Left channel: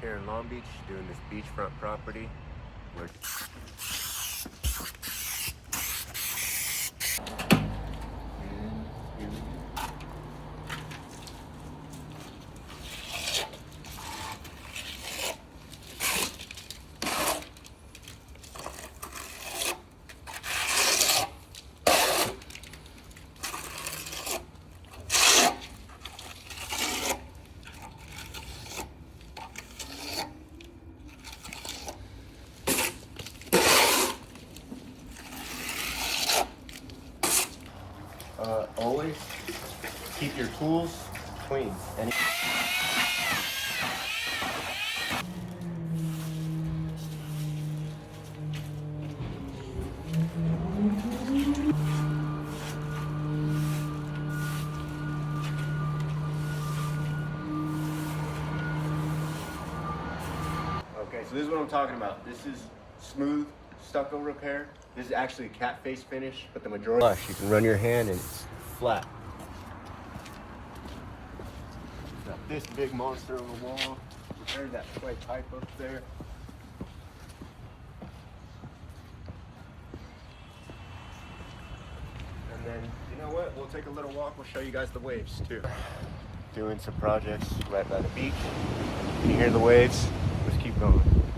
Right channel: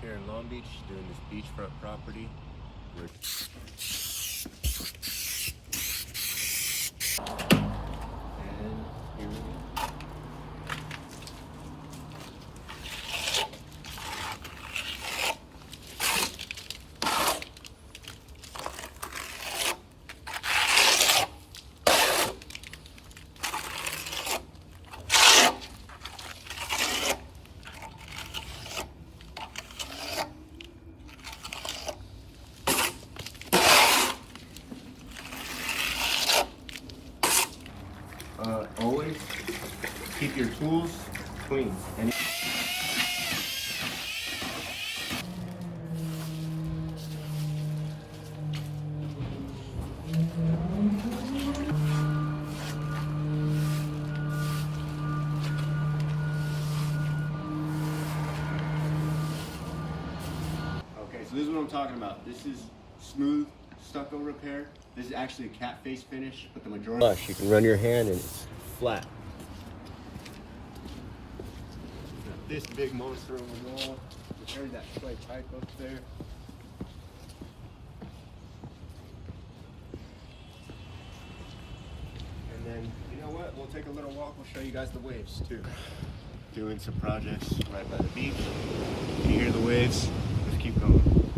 here in Long Beach doing this beachfront property. Always keep your tools clean. Okay, so this is what I'm talking about. This is smooth stucco repair. This is actually a cat face finish, but the majority flush. You can run your hand and it's flat. Got this big monster on the wall. Repaired that clay pipe up there. And then, you know what? We'll take a little walk. We'll show you guys the waves too. Doing some projects right by the beach. Can you hear the waves? Let's keep going.